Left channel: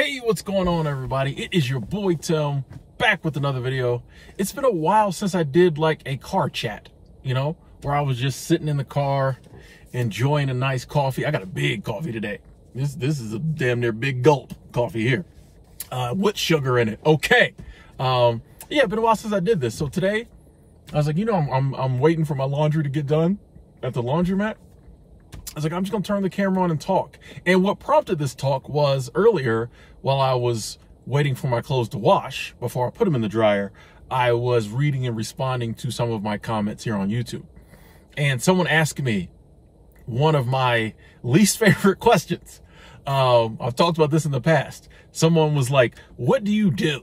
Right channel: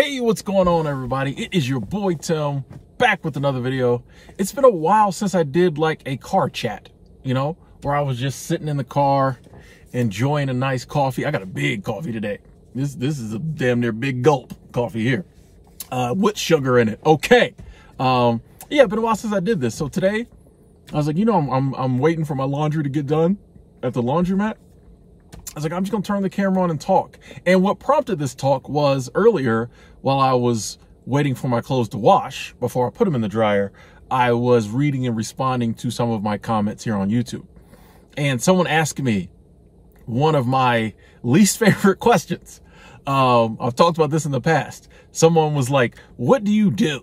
Hey, what's going on, everybody? It is your boy Tim, back with another video. It's been a while since I did like a car chat, where I was just sitting in the car enjoying a nice coffee. I got a big coffee today. This is a damn near big gulp coffee here with sugar in it. Okay. Yeah, been a while since I did this. So today I was like, I'm waiting for my laundry to get done at the laundromat. I was like, I'm just gonna turn the camera on and talk. And what prompted this talk was earlier, while I was waiting for my clothes to wash before I put them in the dryer, I was reading and responding to some of my comments here on YouTube. And someone asked me one of my least favorite questions. I've talked about this in the past. Someone was like, what do you do?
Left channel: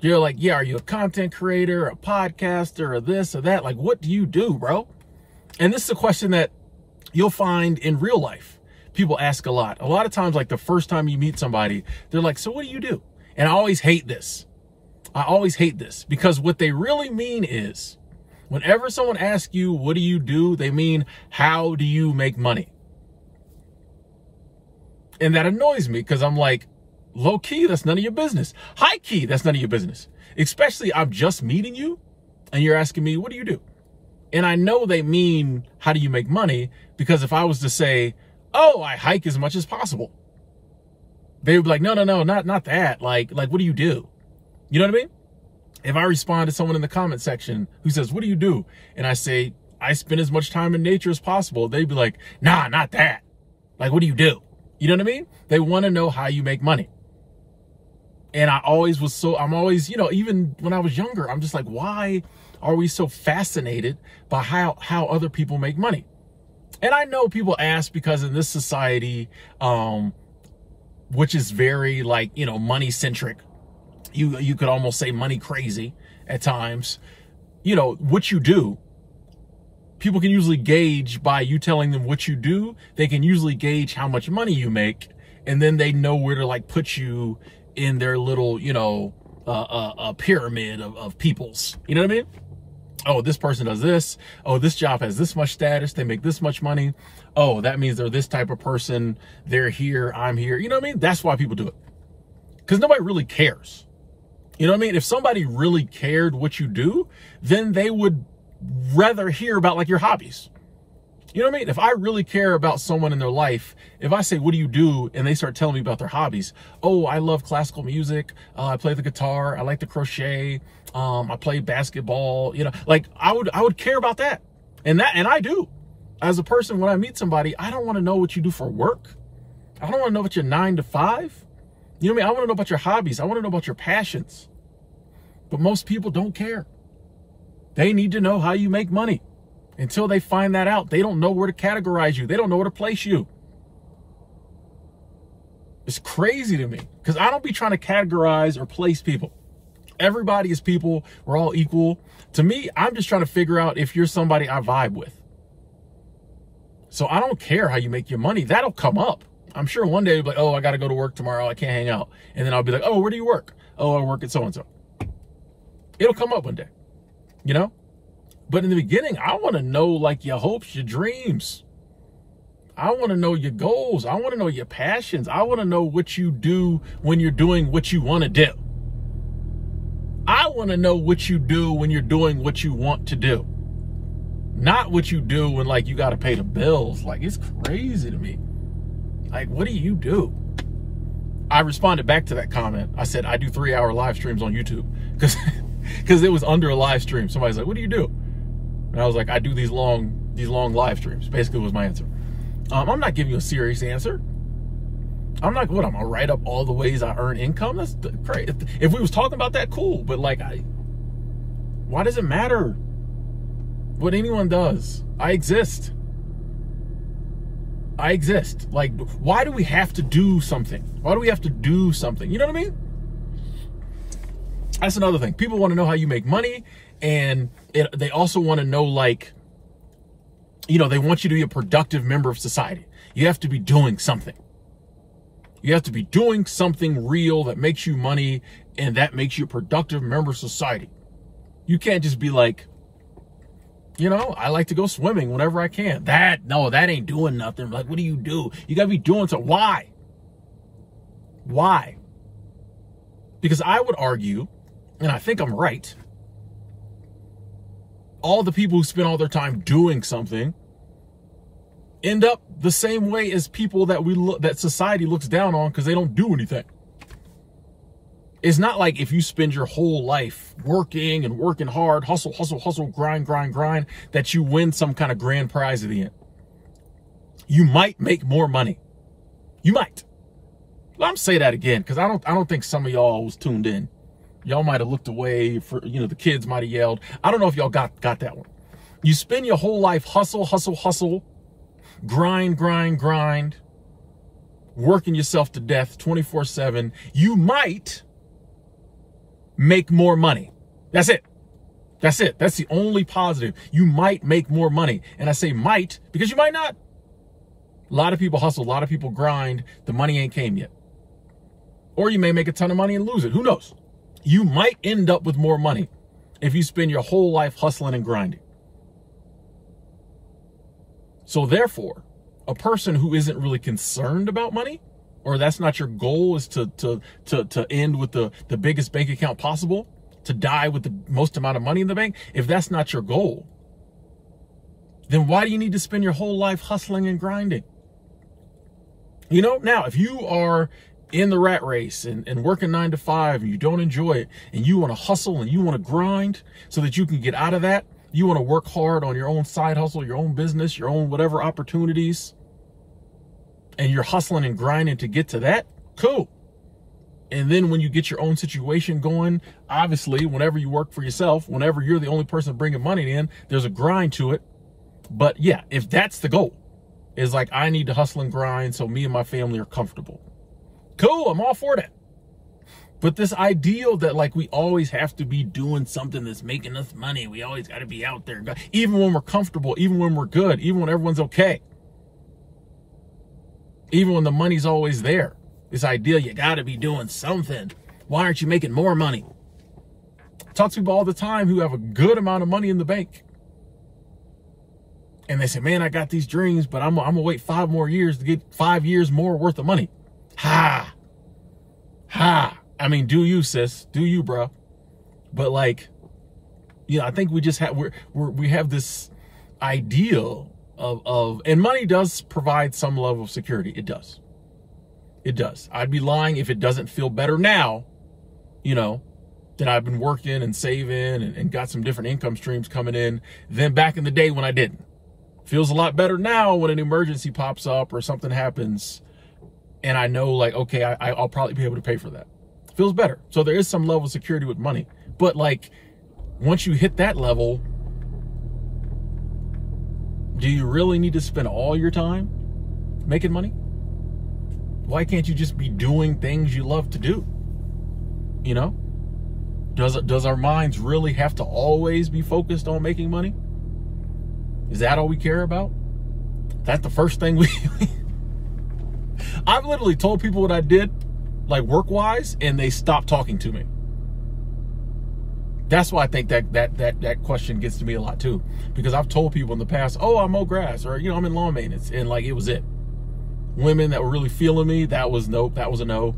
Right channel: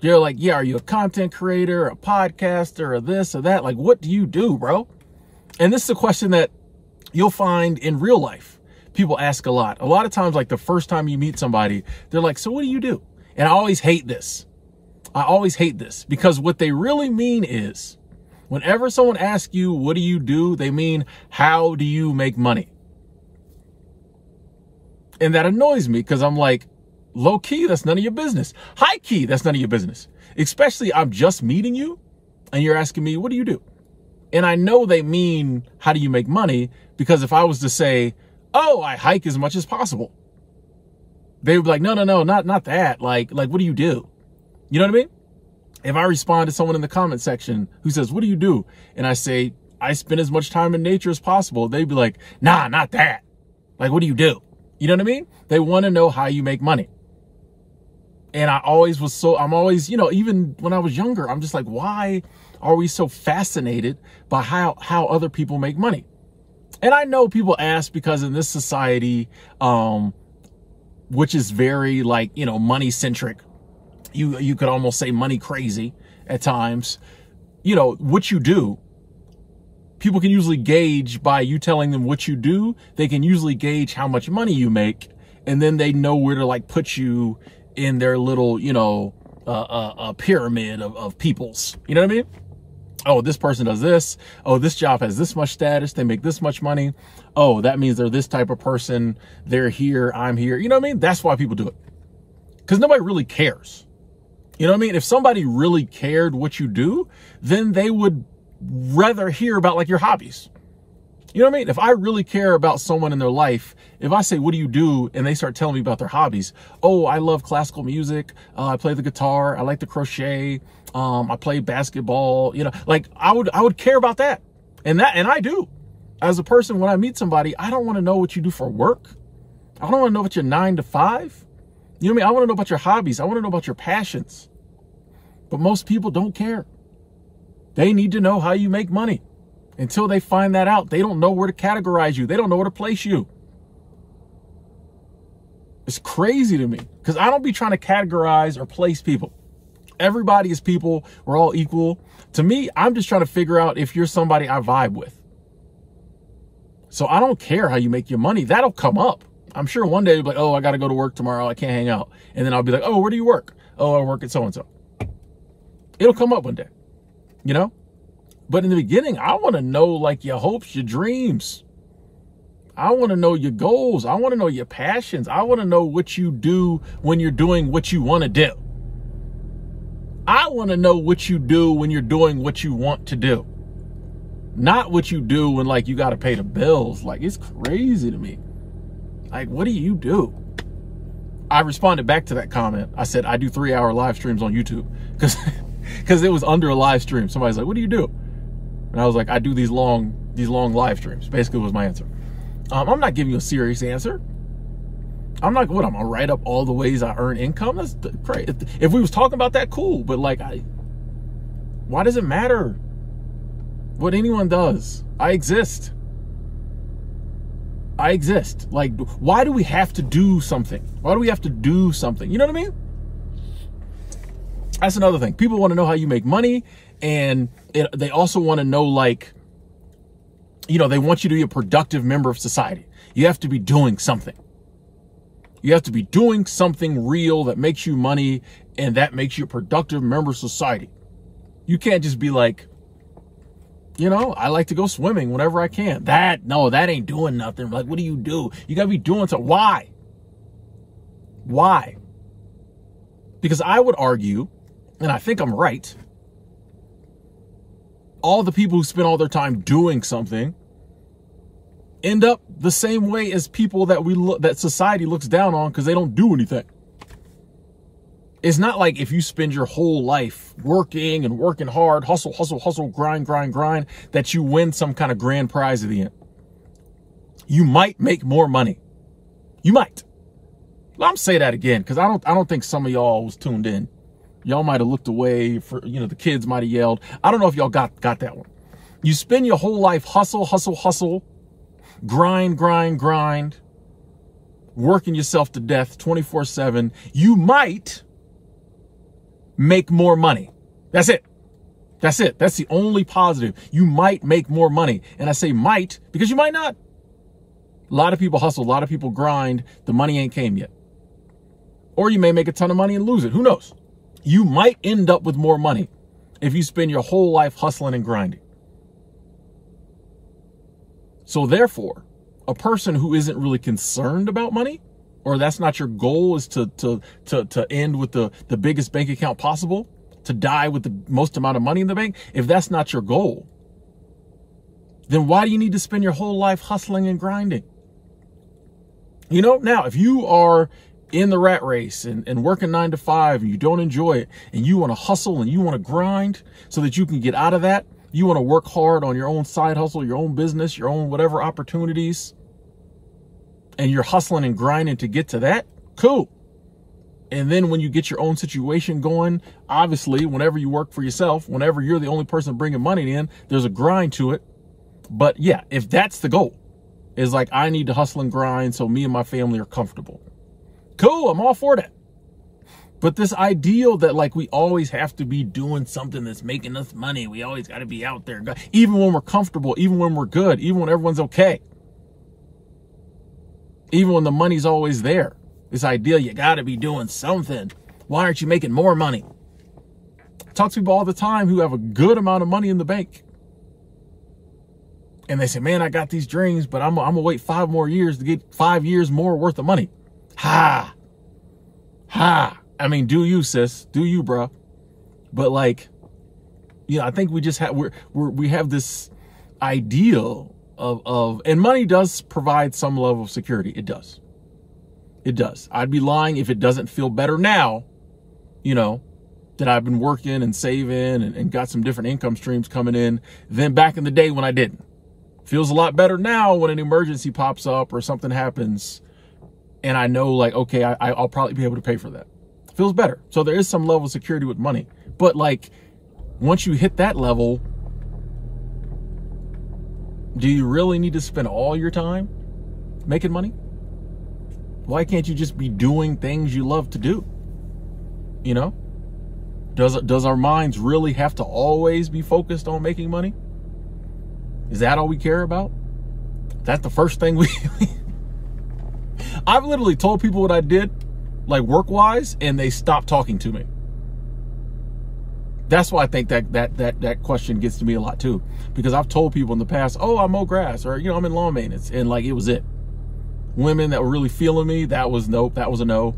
You're like, yeah, are you a content creator, a podcaster, or this or that? Like, what do you do, bro? And this is a question that you'll find in real life. People ask a lot. A lot of times, like the first time you meet somebody, they're like, so what do you do? And I always hate this. I always hate this because what they really mean is whenever someone asks you, what do you do? They mean, how do you make money? And that annoys me because I'm like, low key, that's none of your business. High key, that's none of your business. Especially I'm just meeting you and you're asking me, what do you do? And I know they mean, how do you make money? Because if I was to say, oh, I hike as much as possible, they would be like, no, not that. Like, what do you do? You know what I mean? If I respond to someone in the comment section who says, what do you do? And I say, I spend as much time in nature as possible. They'd be like, nah, not that. Like, what do you do? You know what I mean? They want to know how you make money. And I'm always, even when I was younger, I'm just like, why are we so fascinated by how other people make money? And I know people ask because in this society, which is very like, money centric, you could almost say money crazy at times, what you do, people can usually gauge by you telling them what you do. They can usually gauge how much money you make. And then they know where to like put you in their little, a pyramid of peoples. You know what I mean? Oh, this person does this. Oh, this job has this much status. They make this much money. Oh, that means they're this type of person. They're here. I'm here. You know what I mean? That's why people do it. Because nobody really cares. You know what I mean? If somebody really cared what you do, then they would rather hear about like your hobbies. You know what I mean? If I really care about someone in their life, if I say, what do you do? And they start telling me about their hobbies. Oh, I love classical music. I play the guitar. I like to crochet. I play basketball. Like I would care about that. And I do. As a person, when I meet somebody, I don't want to know what you do for work. I don't want to know about your 9 to 5. You know what I mean? I want to know about your hobbies. I want to know about your passions. But most people don't care. They need to know how you make money. Until they find that out, they don't know where to categorize you. They don't know where to place you. It's crazy to me because I don't be trying to categorize or place people. Everybody is people. We're all equal. To me, I'm just trying to figure out if you're somebody I vibe with. So I don't care how you make your money. That'll come up. I'm sure one day you'll be like, oh, I got to go to work tomorrow. I can't hang out. And then I'll be like, oh, where do you work? Oh, I work at so-and-so. It'll come up one day, But in the beginning, I want to know like your hopes, your dreams. I want to know your goals. I want to know your passions. I want to know what you do when you're doing what you want to do. I want to know what you do when you're doing what you want to do. Not what you do when like you got to pay the bills. Like it's crazy to me. Like, what do you do? I responded back to that comment. I said, I do 3-hour live streams on YouTube because it was under a live stream. Somebody's like, what do you do? And I was like, I do these long live streams. Basically was my answer. I'm not giving you a serious answer. I'm not, I'm gonna write up all the ways I earn income. That's great. If we was talking about that, cool. But like, why does it matter what anyone does? I exist. Like, why do we have to do something? Why do we have to do something? You know what I mean? That's another thing. People want to know how you make money. And they also want to know, like, they want you to be a productive member of society. You have to be doing something. You have to be doing something real that makes you money and that makes you a productive member of society. You can't just be like, I like to go swimming whenever I can. That ain't doing nothing. Like, what do? You got to be doing something. Why? Why? Because I would argue, and I think I'm right, all the people who spend all their time doing something end up the same way as people that society looks down on because they don't do anything. It's not like if you spend your whole life working and working hard, hustle, hustle, hustle, grind, grind, grind, that you win some kind of grand prize at the end. You might make more money. You might. Well, I'm say that again because I don't think some of y'all was tuned in. Y'all might have looked away for, the kids might have yelled. I don't know if y'all got that one. You spend your whole life hustle, hustle, hustle, grind, grind, grind, working yourself to death 24/7. You might make more money. That's it. That's it. That's the only positive. You might make more money. And I say might because you might not. A lot of people hustle. A lot of people grind. The money ain't came yet. Or you may make a ton of money and lose it. Who knows? You might end up with more money if you spend your whole life hustling and grinding. So therefore, a person who isn't really concerned about money, or that's not your goal, is to end with the biggest bank account possible, to die with the most amount of money in the bank, if that's not your goal, then why do you need to spend your whole life hustling and grinding? Now, if you are in the rat race and working 9 to 5 and you don't enjoy it and you want to hustle and you want to grind so that you can get out of that, you want to work hard on your own side hustle, your own business, your own whatever opportunities, and you're hustling and grinding to get to that, cool. And then when you get your own situation going, obviously, whenever you work for yourself, whenever you're the only person bringing money in, there's a grind to it. But yeah, if that's the goal, is like, I need to hustle and grind so me and my family are comfortable. Cool, I'm all for that. But this ideal that like we always have to be doing something that's making us money, we always got to be out there, even when we're comfortable, even when we're good, even when everyone's okay, even when the money's always there. This ideal, you got to be doing something. Why aren't you making more money? I talk to people all the time who have a good amount of money in the bank. And they say, man, I got these dreams, but I'm going to wait 5 more years to get 5 years more worth of money. Ha. I mean, do you, sis? Do you, bro? But like, I think we just have, we have this ideal of, and money does provide some level of security. It does. It does. I'd be lying if it doesn't feel better now, that I've been working and saving and got some different income streams coming in than back in the day when I didn't. Feels a lot better now when an emergency pops up or something happens and I know like, okay, I'll probably be able to pay for that. Feels better. So there is some level of security with money. But like, once you hit that level, do you really need to spend all your time making money? Why can't you just be doing things you love to do? Does our minds really have to always be focused on making money? Is that all we care about? That's the first thing I've literally told people what I did, like work-wise, and they stopped talking to me. That's why I think that question gets to me a lot too. Because I've told people in the past, oh, I mow grass, or I'm in lawn maintenance, and like it was it. Women that were really feeling me, that was nope, that was a no.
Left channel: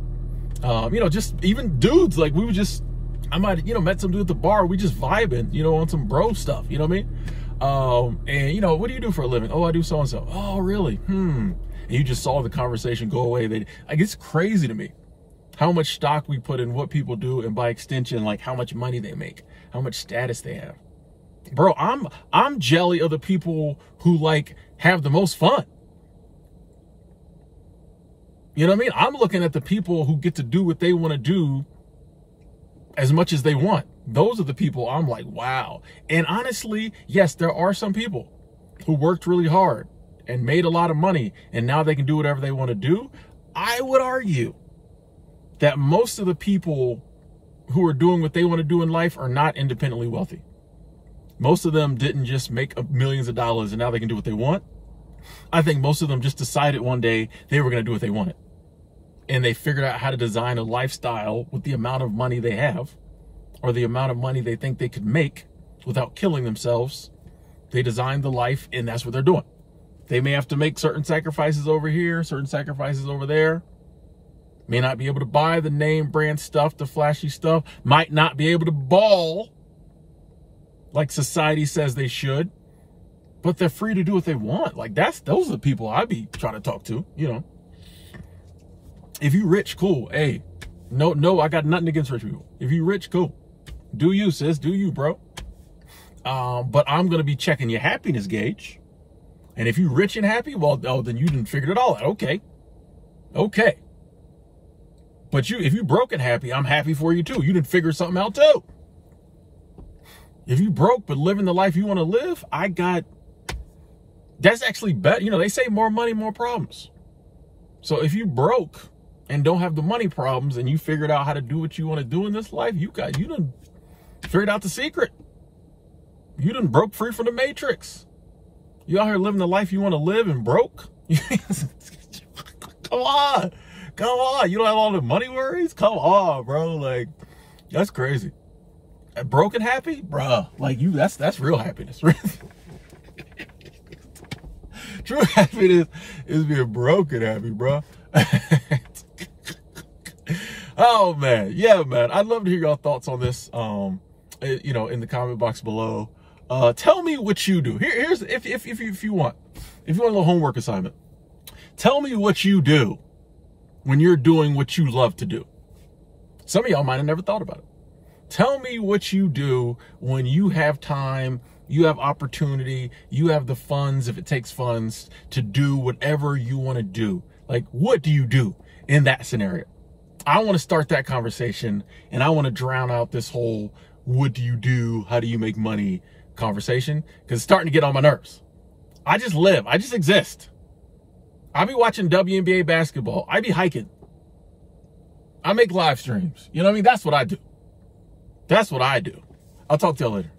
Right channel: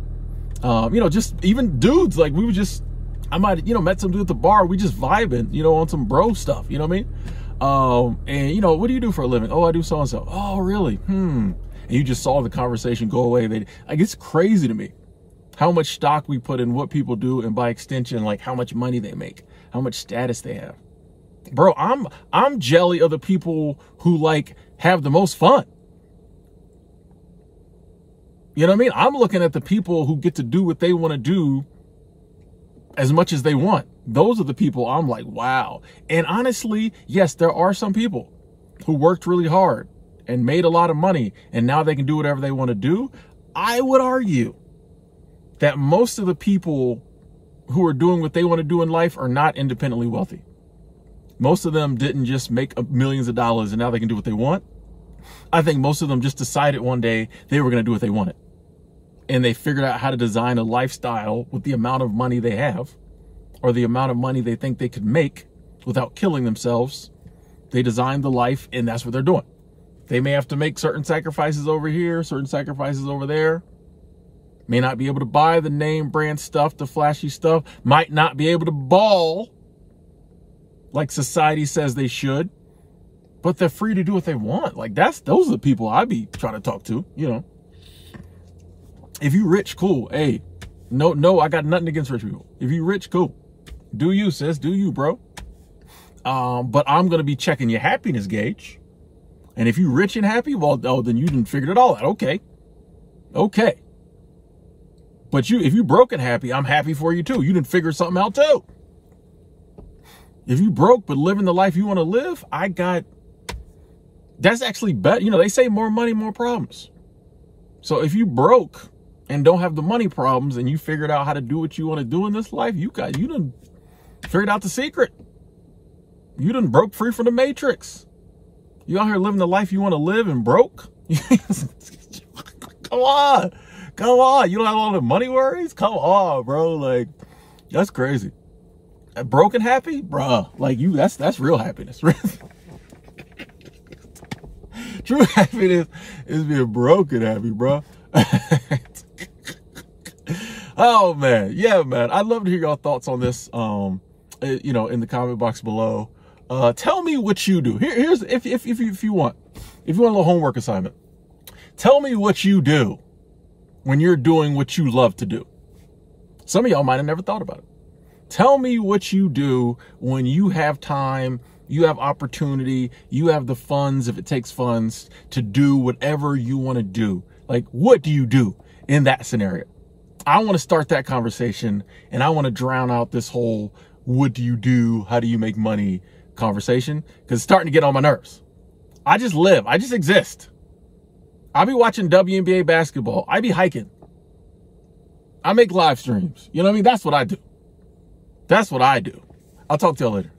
Just even dudes, like we were just, I might have, met some dude at the bar, we just vibing, on some bro stuff, you know what I mean? And what do you do for a living? Oh, I do so-and-so. Oh, really? And you just saw the conversation go away. Like, it's crazy to me how much stock we put in what people do, and by extension, like how much money they make, how much status they have. Bro, I'm jelly of the people who like have the most fun. You know what I mean? I'm looking at the people who get to do what they want to do as much as they want. Those are the people I'm like, wow. And honestly, yes, there are some people who worked really hard and made a lot of money and now they can do whatever they want to do. I would argue that most of the people who are doing what they want to do in life are not independently wealthy. Most of them didn't just make millions of dollars and now they can do what they want. I think most of them just decided one day they were going to do what they wanted. And they figured out how to design a lifestyle with the amount of money they have, or the amount of money they think they could make without killing themselves. They designed the life, and that's what they're doing. They may have to make certain sacrifices over here, certain sacrifices over there. may not be able to buy the name brand stuff, the flashy stuff, might not be able to ball like society says they should, but they're free to do what they want. Like those are the people I be trying to talk to, you know. If you rich, cool. Hey, no, I got nothing against rich people. If you rich, cool. Do you, sis, do you, bro. But I'm going to be checking your happiness gauge. And if you rich and happy, well, oh, then you didn't figure it all out. Okay. Okay. But if you broke and happy, I'm happy for you too. You didn't figure something out too. If you broke but living the life you want to live, that's actually better. You know, they say more money, more problems. So if you broke and don't have the money problems and you figured out how to do what you want to do in this life, you done figured out the secret. You done broke free from the matrix. You out here living the life you want to live and broke? Come on. Come on. You don't have all the money worries? Come on, bro. Like, that's crazy. Broken happy? Bro, like that's real happiness. True happiness is being broken happy, bro. Oh, man. Yeah, man. I'd love to hear your thoughts on this, you know, in the comment box below. Tell me what you do. Here's if you want a little homework assignment. Tell me what you do when you're doing what you love to do. Some of y'all might have never thought about it. Tell me what you do when you have time, you have opportunity, you have the funds, if it takes funds, to do whatever you want to do. Like, what do you do in that scenario? I want to start that conversation, and I want to drown out this whole what do you do, how do you make money conversation, because it's starting to get on my nerves. I just live. I just exist. I be watching WNBA basketball. I be hiking. I make live streams. You know what I mean? That's what I do. That's what I do. I'll talk to y'all later.